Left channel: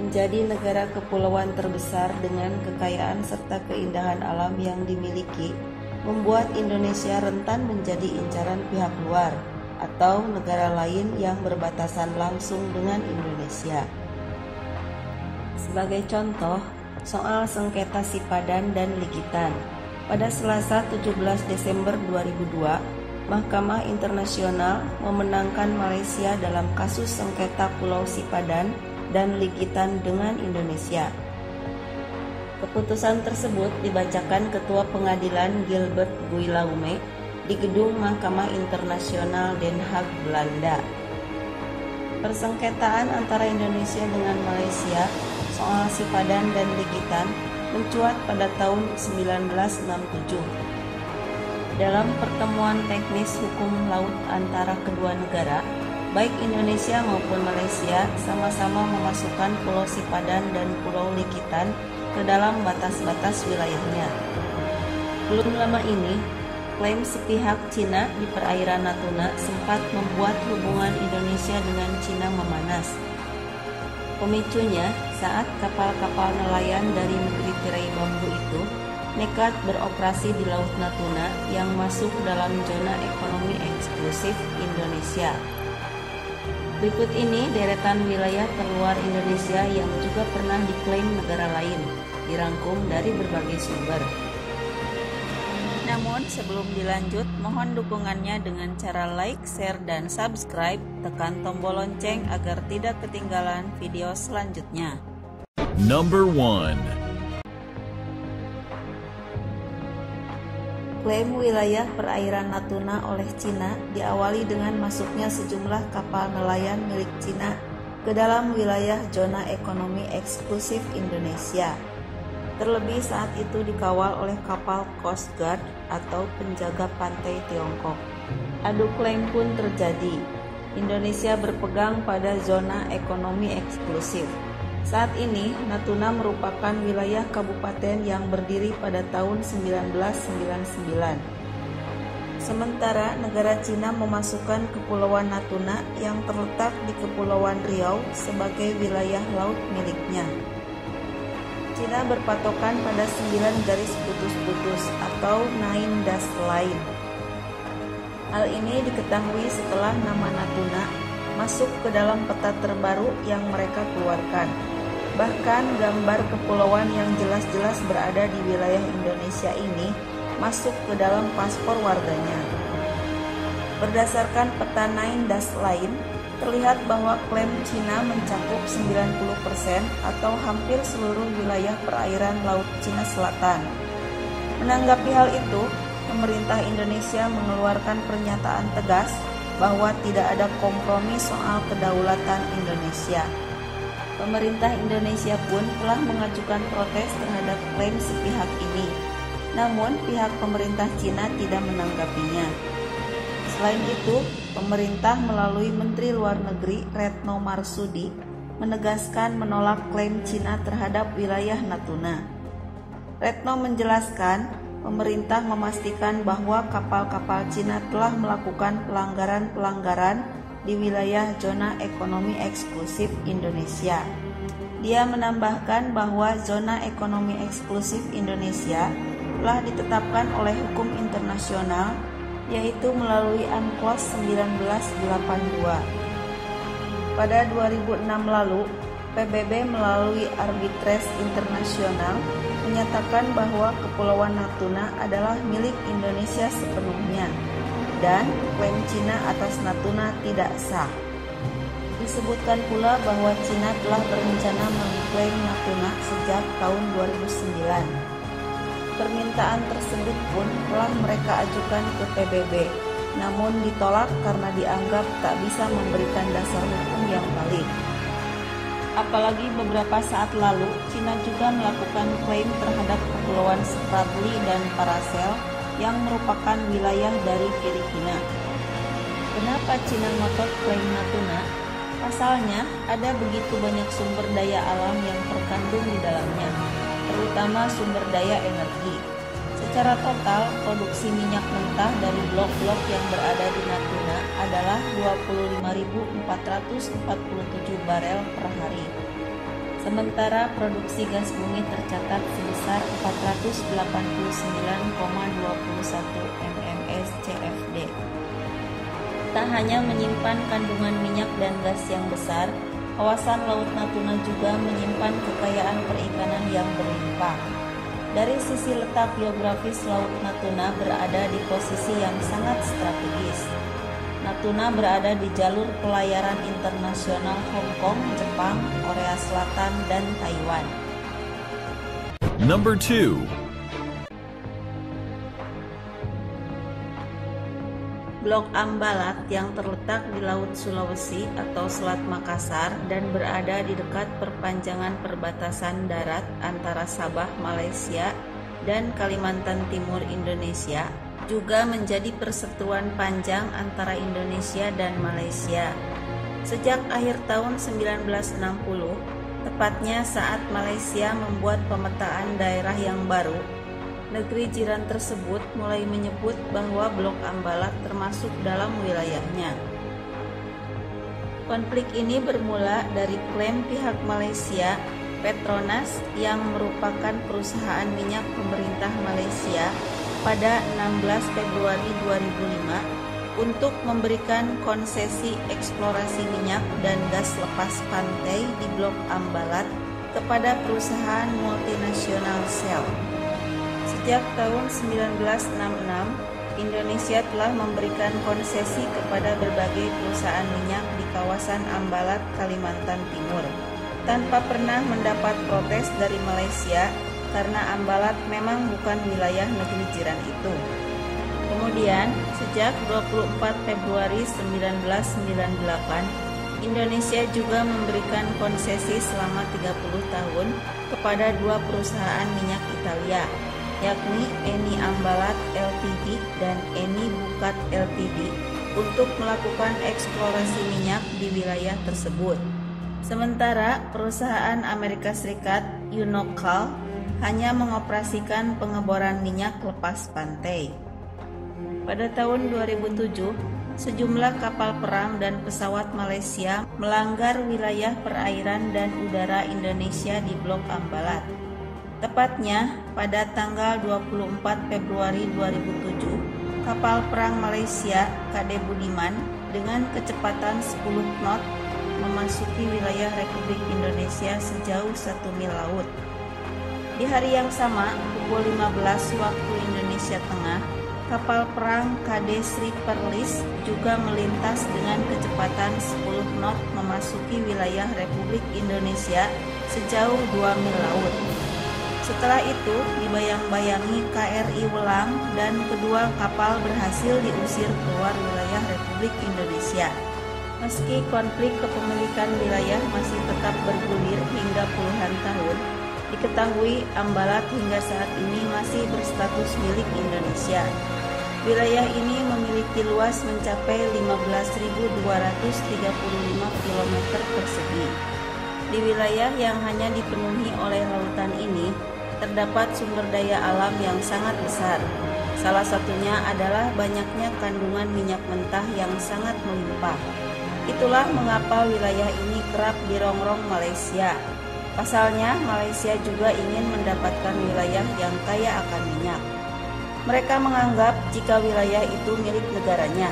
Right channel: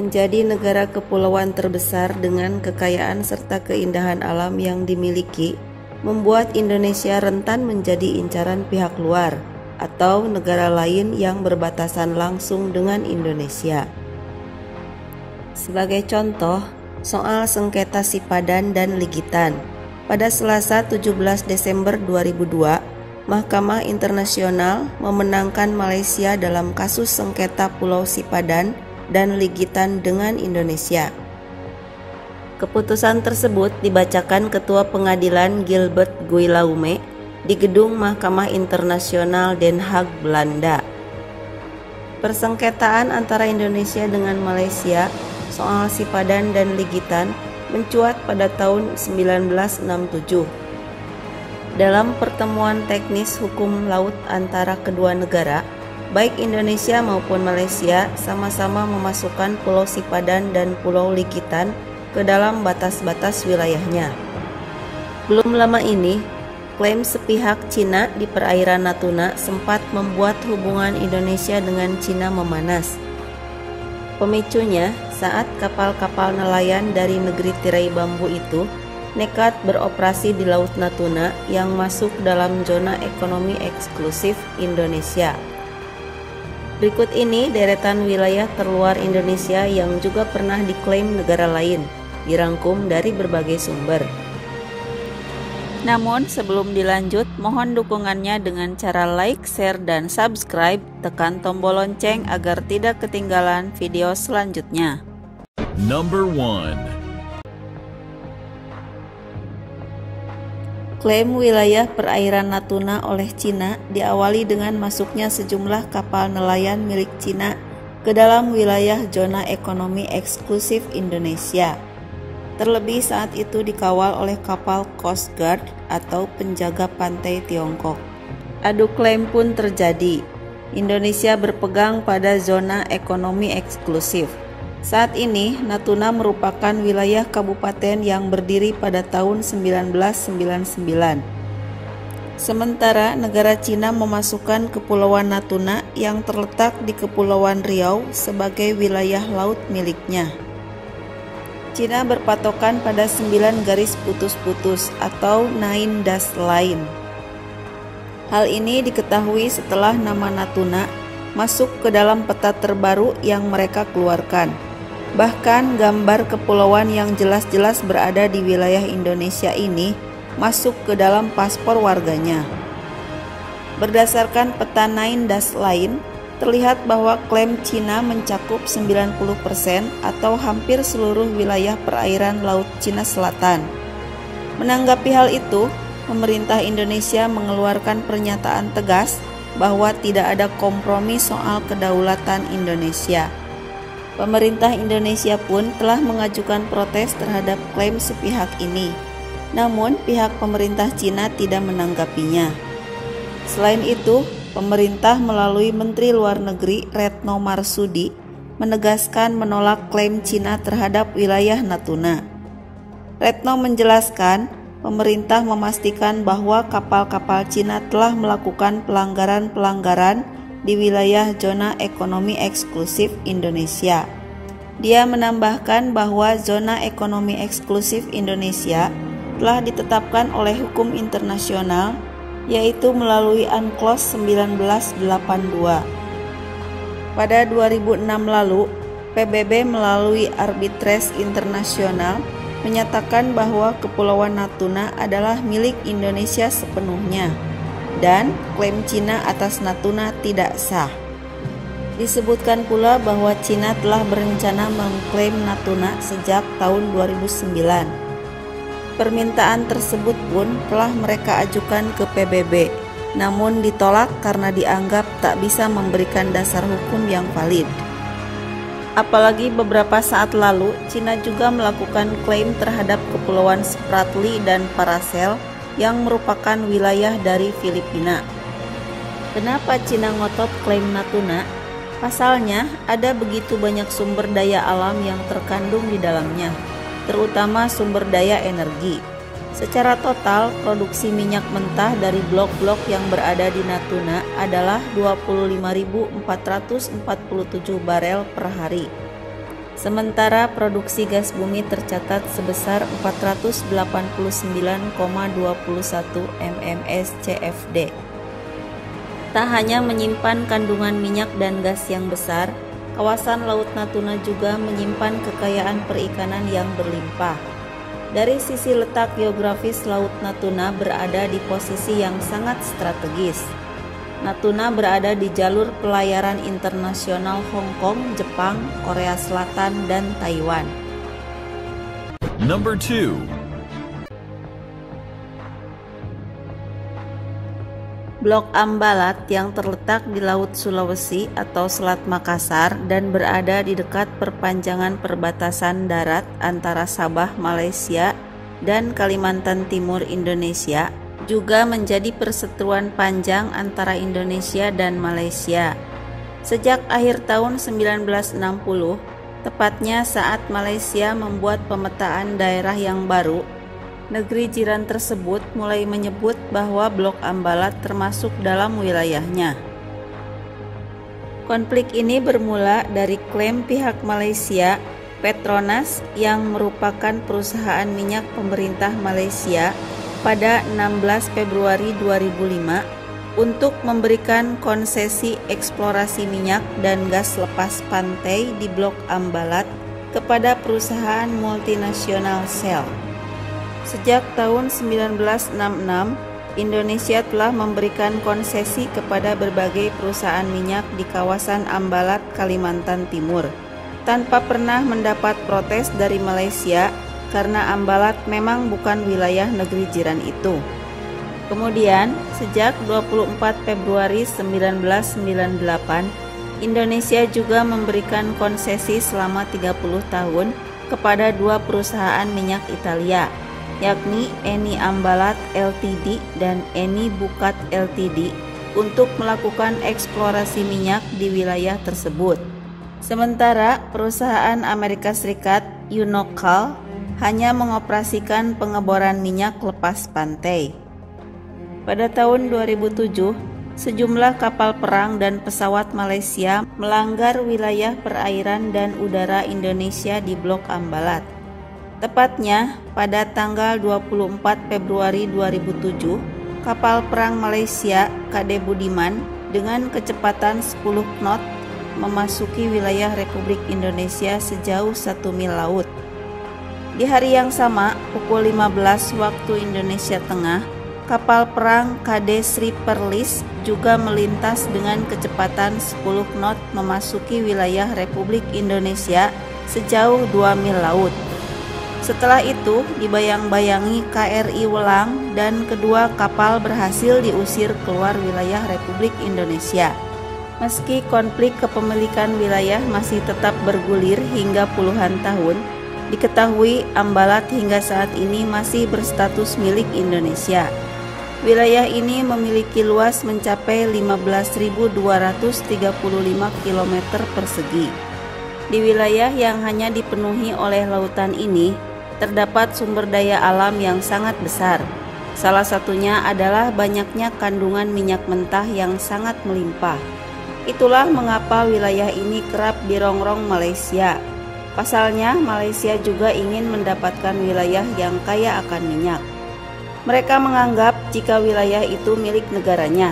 Menjadi negara kepulauan terbesar dengan kekayaan serta keindahan alam yang dimiliki, membuat Indonesia rentan menjadi incaran pihak luar atau negara lain yang berbatasan langsung dengan Indonesia. Sebagai contoh, soal sengketa Sipadan dan Ligitan. Pada Selasa 17 Desember 2002, Mahkamah Internasional memenangkan Malaysia dalam kasus sengketa Pulau Sipadan dan Ligitan dengan Indonesia. Keputusan tersebut dibacakan Ketua Pengadilan Gilbert Guillaume di Gedung Mahkamah Internasional Den Haag, Belanda. Persengketaan antara Indonesia dengan Malaysia soal Sipadan dan Ligitan mencuat pada tahun 1967. Dalam pertemuan teknis hukum laut antara kedua negara, baik Indonesia maupun Malaysia sama-sama memasukkan Pulau Sipadan dan Pulau Ligitan ke dalam batas-batas wilayahnya. Belum lama ini, klaim sepihak Cina di perairan Natuna sempat membuat hubungan Indonesia dengan Cina memanas. Pemicunya saat kapal-kapal nelayan dari negeri tirai bambu itu nekat beroperasi di Laut Natuna yang masuk dalam zona ekonomi eksklusif Indonesia. Berikut ini deretan wilayah terluar Indonesia yang juga pernah diklaim negara lain, dirangkum dari berbagai sumber. Namun sebelum dilanjut, mohon dukungannya dengan cara like, share, dan subscribe. Tekan tombol lonceng agar tidak ketinggalan video selanjutnya. Number 1. Klaim wilayah perairan Natuna oleh Cina diawali dengan masuknya sejumlah kapal nelayan milik Cina ke dalam wilayah zona ekonomi eksklusif Indonesia. Terlebih saat itu dikawal oleh kapal Coast Guard atau penjaga pantai Tiongkok. Adu klaim pun terjadi. Indonesia berpegang pada zona ekonomi eksklusif. Saat ini, Natuna merupakan wilayah kabupaten yang berdiri pada tahun 1999. Sementara negara Cina memasukkan Kepulauan Natuna yang terletak di Kepulauan Riau sebagai wilayah laut miliknya. Cina berpatokan pada 9 garis putus-putus atau 9 dash line. Hal ini diketahui setelah nama Natuna masuk ke dalam peta terbaru yang mereka keluarkan. Bahkan gambar kepulauan yang jelas-jelas berada di wilayah Indonesia ini masuk ke dalam paspor warganya. Berdasarkan peta 9 dash line, terlihat bahwa klaim Cina mencakup 90% atau hampir seluruh wilayah perairan Laut Cina Selatan. Menanggapi hal itu, pemerintah Indonesia mengeluarkan pernyataan tegas bahwa tidak ada kompromi soal kedaulatan Indonesia. Pemerintah Indonesia pun telah mengajukan protes terhadap klaim sepihak ini. Namun, pihak pemerintah Cina tidak menanggapinya. Selain itu, pemerintah melalui Menteri Luar Negeri Retno Marsudi menegaskan menolak klaim Cina terhadap wilayah Natuna. Retno menjelaskan, pemerintah memastikan bahwa kapal-kapal Cina telah melakukan pelanggaran-pelanggaran di wilayah zona ekonomi eksklusif Indonesia. Dia menambahkan bahwa zona ekonomi eksklusif Indonesia telah ditetapkan oleh hukum internasional, yaitu melalui UNCLOS 1982. Pada 2006 lalu, PBB melalui Arbitrase Internasional menyatakan bahwa Kepulauan Natuna adalah milik Indonesia sepenuhnya dan klaim Cina atas Natuna tidak sah. Disebutkan pula bahwa Cina telah berencana mengklaim Natuna sejak tahun 2009. Permintaan tersebut pun telah mereka ajukan ke PBB, namun ditolak karena dianggap tak bisa memberikan dasar hukum yang valid. Apalagi beberapa saat lalu, Cina juga melakukan klaim terhadap Kepulauan Spratly dan Paracel yang merupakan wilayah dari Filipina. Kenapa Cina ngotot klaim Natuna? Pasalnya, ada begitu banyak sumber daya alam yang terkandung di dalamnya, terutama sumber daya energi. Secara total, produksi minyak mentah dari blok-blok yang berada di Natuna adalah 25.447 barel per hari. Sementara produksi gas bumi tercatat sebesar 489,21 mms CFD. Tak hanya menyimpan kandungan minyak dan gas yang besar, kawasan Laut Natuna juga menyimpan kekayaan perikanan yang berlimpah. Dari sisi letak geografis, Laut Natuna berada di posisi yang sangat strategis. Natuna berada di jalur pelayaran internasional Hong Kong, Jepang, Korea Selatan, dan Taiwan. Number 2. Blok Ambalat yang terletak di Laut Sulawesi atau Selat Makassar dan berada di dekat perpanjangan perbatasan darat antara Sabah, Malaysia, dan Kalimantan Timur, Indonesia, juga menjadi perseteruan panjang antara Indonesia dan Malaysia. Sejak akhir tahun 1960, tepatnya saat Malaysia membuat pemetaan daerah yang baru, negeri jiran tersebut mulai menyebut bahwa Blok Ambalat termasuk dalam wilayahnya. Konflik ini bermula dari klaim pihak Malaysia, Petronas, yang merupakan perusahaan minyak pemerintah Malaysia, pada 16 Februari 2005 untuk memberikan konsesi eksplorasi minyak dan gas lepas pantai di Blok Ambalat kepada perusahaan multinasional Shell. Sejak tahun 1966, Indonesia telah memberikan konsesi kepada berbagai perusahaan minyak di kawasan Ambalat, Kalimantan Timur, tanpa pernah mendapat protes dari Malaysia karena Ambalat memang bukan wilayah negeri jiran itu. Kemudian, sejak 24 Februari 1998, Indonesia juga memberikan konsesi selama 30 tahun kepada dua perusahaan minyak Italia, yakni Eni Ambalat Ltd dan Eni Bukat Ltd, untuk melakukan eksplorasi minyak di wilayah tersebut. Sementara perusahaan Amerika Serikat Unocal hanya mengoperasikan pengeboran minyak lepas pantai. Pada tahun 2007, sejumlah kapal perang dan pesawat Malaysia melanggar wilayah perairan dan udara Indonesia di Blok Ambalat. Tepatnya pada tanggal 24 Februari 2007, kapal perang Malaysia KD Budiman dengan kecepatan 10 knot memasuki wilayah Republik Indonesia sejauh 1 mil laut. Di hari yang sama, pukul 15 waktu Indonesia Tengah, kapal perang KD Sri Perlis juga melintas dengan kecepatan 10 knot memasuki wilayah Republik Indonesia sejauh 2 mil laut. Setelah itu, dibayang-bayangi KRI Welang dan kedua kapal berhasil diusir keluar wilayah Republik Indonesia. Meski konflik kepemilikan wilayah masih tetap bergulir hingga puluhan tahun, diketahui Ambalat hingga saat ini masih berstatus milik Indonesia. Wilayah ini memiliki luas mencapai 15.235 km persegi. Di wilayah yang hanya dipenuhi oleh lautan ini, terdapat sumber daya alam yang sangat besar. Salah satunya adalah banyaknya kandungan minyak mentah yang sangat melimpah. Itulah mengapa wilayah ini kerap dirongrong Malaysia. Pasalnya, Malaysia juga ingin mendapatkan wilayah yang kaya akan minyak. Mereka menganggap jika wilayah itu milik negaranya.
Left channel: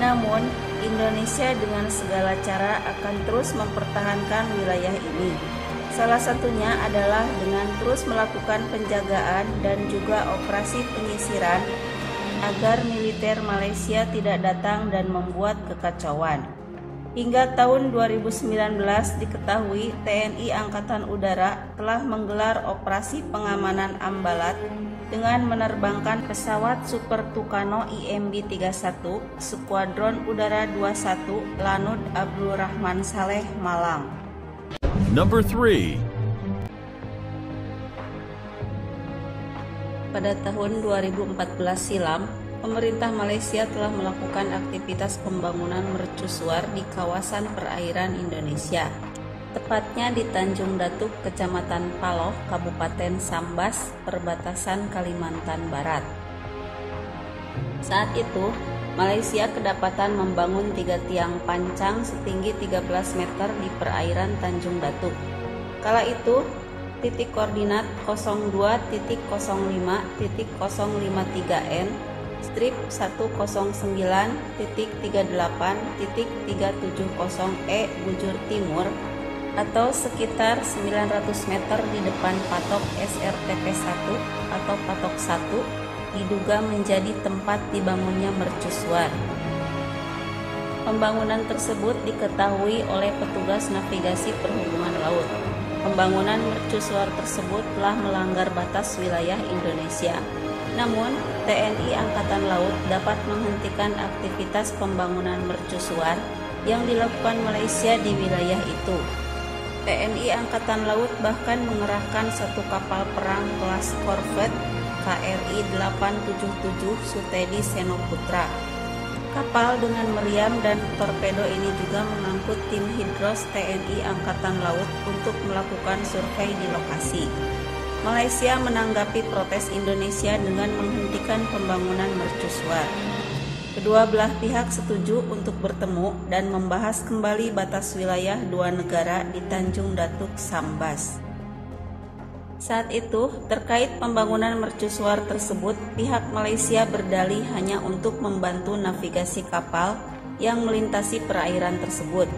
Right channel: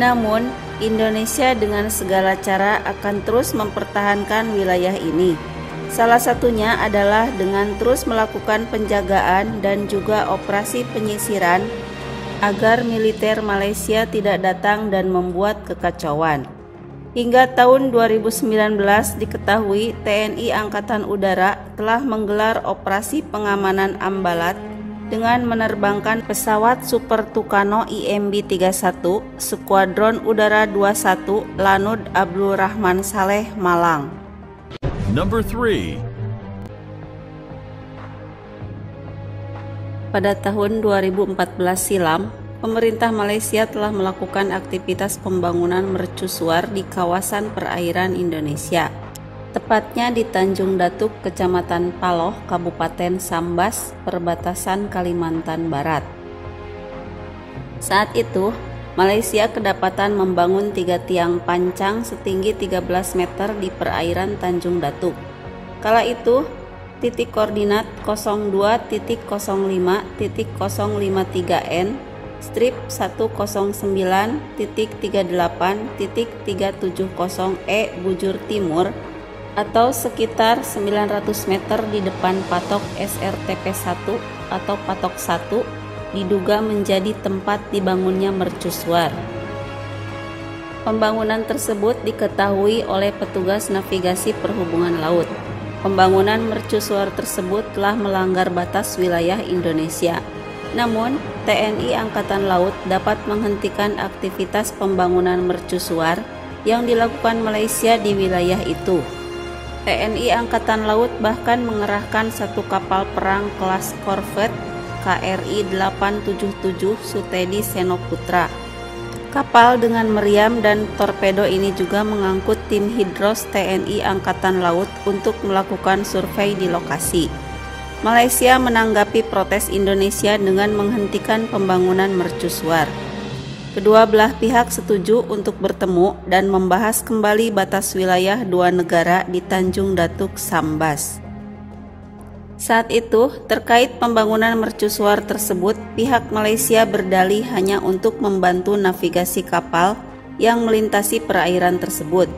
Namun, Indonesia dengan segala cara akan terus mempertahankan wilayah ini. Salah satunya adalah dengan terus melakukan penjagaan dan juga operasi penyisiran agar militer Malaysia tidak datang dan membuat kekacauan. Hingga tahun 2019 diketahui TNI Angkatan Udara telah menggelar operasi pengamanan Ambalat dengan menerbangkan pesawat Super Tucano IMB-31 Skuadron Udara 21 Lanut Abdul Rahman Saleh, Malang. Number 3. Pada tahun 2014 silam, pemerintah Malaysia telah melakukan aktivitas pembangunan mercusuar di kawasan perairan Indonesia, tepatnya di Tanjung Datuk, Kecamatan Paloh, Kabupaten Sambas, perbatasan Kalimantan Barat. Saat itu, Malaysia kedapatan membangun 3 tiang pancang setinggi 13 meter di perairan Tanjung Datuk. Kala itu, titik koordinat 02.05.053N strip 109.38.370E bujur timur atau sekitar 900 meter di depan patok SRTP 1 atau patok 1 diduga menjadi tempat dibangunnya mercusuar. Pembangunan tersebut diketahui oleh petugas navigasi perhubungan laut. Pembangunan mercusuar tersebut telah melanggar batas wilayah Indonesia. Namun, TNI Angkatan Laut dapat menghentikan aktivitas pembangunan mercusuar yang dilakukan Malaysia di wilayah itu. TNI Angkatan Laut bahkan mengerahkan satu kapal perang kelas korvet KRI 877 Sutedi Senoputra. Kapal dengan meriam dan torpedo ini juga mengangkut tim Hidros TNI Angkatan Laut untuk melakukan survei di lokasi. Malaysia menanggapi protes Indonesia dengan menghentikan pembangunan mercusuar. Kedua belah pihak setuju untuk bertemu dan membahas kembali batas wilayah dua negara di Tanjung Datuk Sambas. Saat itu, terkait pembangunan mercusuar tersebut, pihak Malaysia berdalih hanya untuk membantu navigasi kapal yang melintasi perairan tersebut.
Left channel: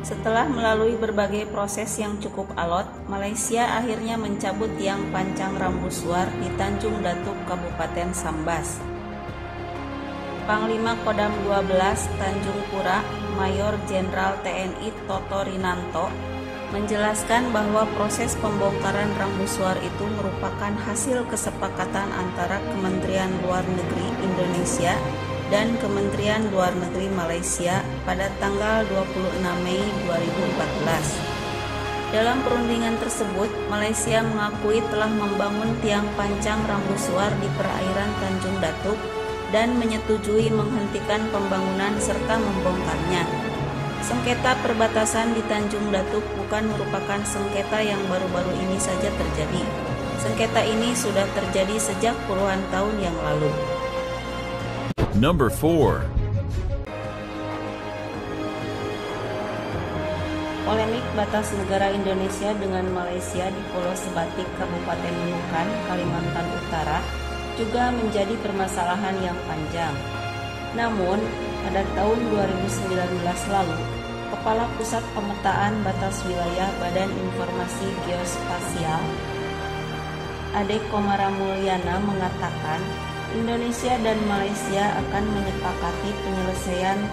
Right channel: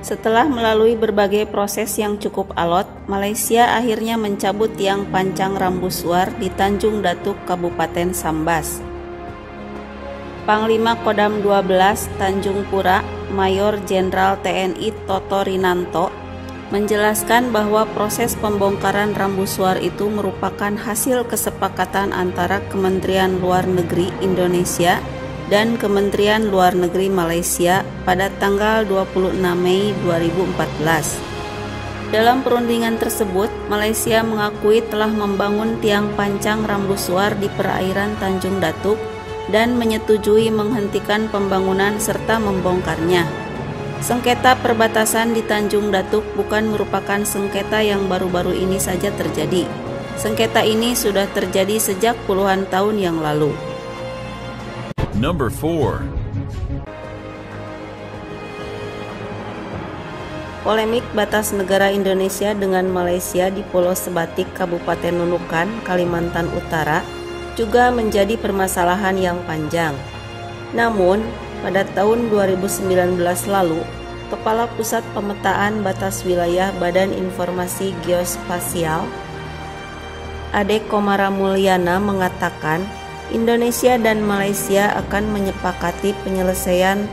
Setelah melalui berbagai proses yang cukup alot, Malaysia akhirnya mencabut tiang pancang rambusuar di Tanjung Datuk, Kabupaten Sambas. Panglima Kodam 12 Tanjung Pura, Mayor Jenderal TNI Toto Rinanto, menjelaskan bahwa proses pembongkaran rambusuar itu merupakan hasil kesepakatan antara Kementerian Luar Negeri Indonesia dan Kementerian Luar Negeri Malaysia pada tanggal 26 Mei 2014. Dalam perundingan tersebut, Malaysia mengakui telah membangun tiang pancang rambusuar di perairan Tanjung Datuk dan menyetujui menghentikan pembangunan serta membongkarnya. Sengketa perbatasan di Tanjung Datuk bukan merupakan sengketa yang baru-baru ini saja terjadi. Sengketa ini sudah terjadi sejak puluhan tahun yang lalu. Number 4. Polemik batas negara Indonesia dengan Malaysia di Pulau Sebatik, Kabupaten Nunukan, Kalimantan Utara juga menjadi permasalahan yang panjang. Namun, pada tahun 2019 lalu, Kepala Pusat Pemetaan Batas Wilayah Badan Informasi Geospasial, Ade Komara Mulyana mengatakan Indonesia dan Malaysia akan menyepakati penyelesaian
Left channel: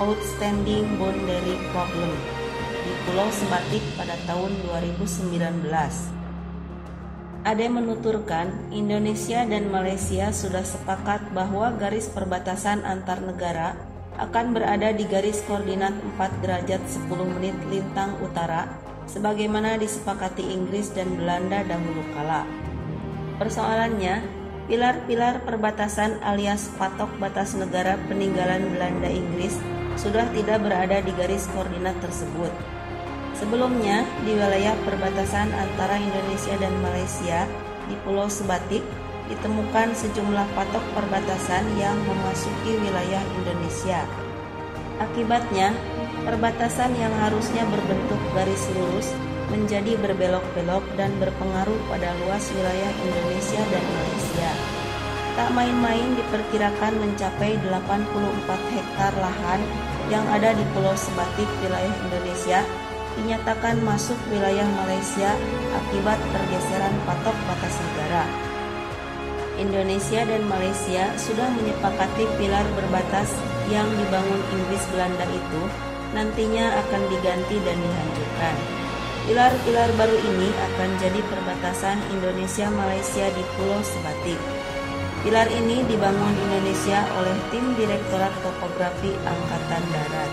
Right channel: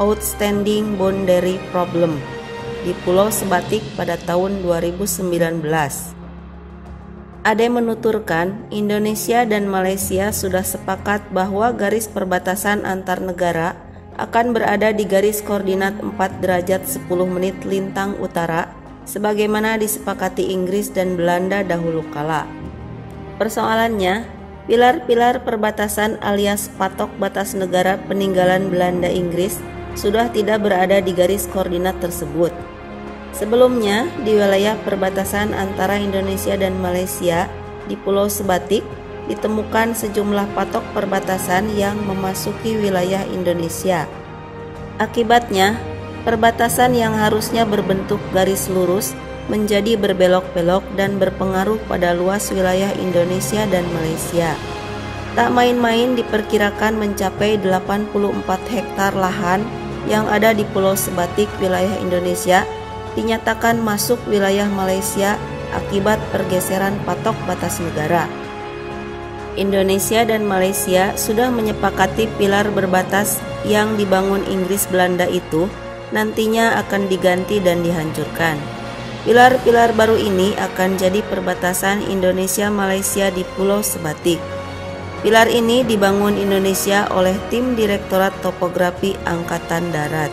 outstanding boundary problem di Pulau Sebatik pada tahun 2019. Ade menuturkan, Indonesia dan Malaysia sudah sepakat bahwa garis perbatasan antar negara akan berada di garis koordinat 4 derajat 10 menit lintang utara, sebagaimana disepakati Inggris dan Belanda dahulu kala. Persoalannya, pilar-pilar perbatasan alias patok batas negara peninggalan Belanda Inggris sudah tidak berada di garis koordinat tersebut. Sebelumnya, di wilayah perbatasan antara Indonesia dan Malaysia di Pulau Sebatik ditemukan sejumlah patok perbatasan yang memasuki wilayah Indonesia. Akibatnya, perbatasan yang harusnya berbentuk garis lurus menjadi berbelok-belok dan berpengaruh pada luas wilayah Indonesia dan Malaysia. Tak main-main diperkirakan mencapai 84 hektar lahan yang ada di Pulau Sebatik wilayah Indonesia dinyatakan masuk wilayah Malaysia akibat pergeseran patok batas negara. Indonesia dan Malaysia sudah menyepakati pilar berbatas yang dibangun Inggris Belanda itu nantinya akan diganti dan dihancurkan. Pilar-pilar baru ini akan jadi perbatasan Indonesia-Malaysia di Pulau Sebatik. Pilar ini dibangun Indonesia oleh tim Direktorat Topografi Angkatan Darat.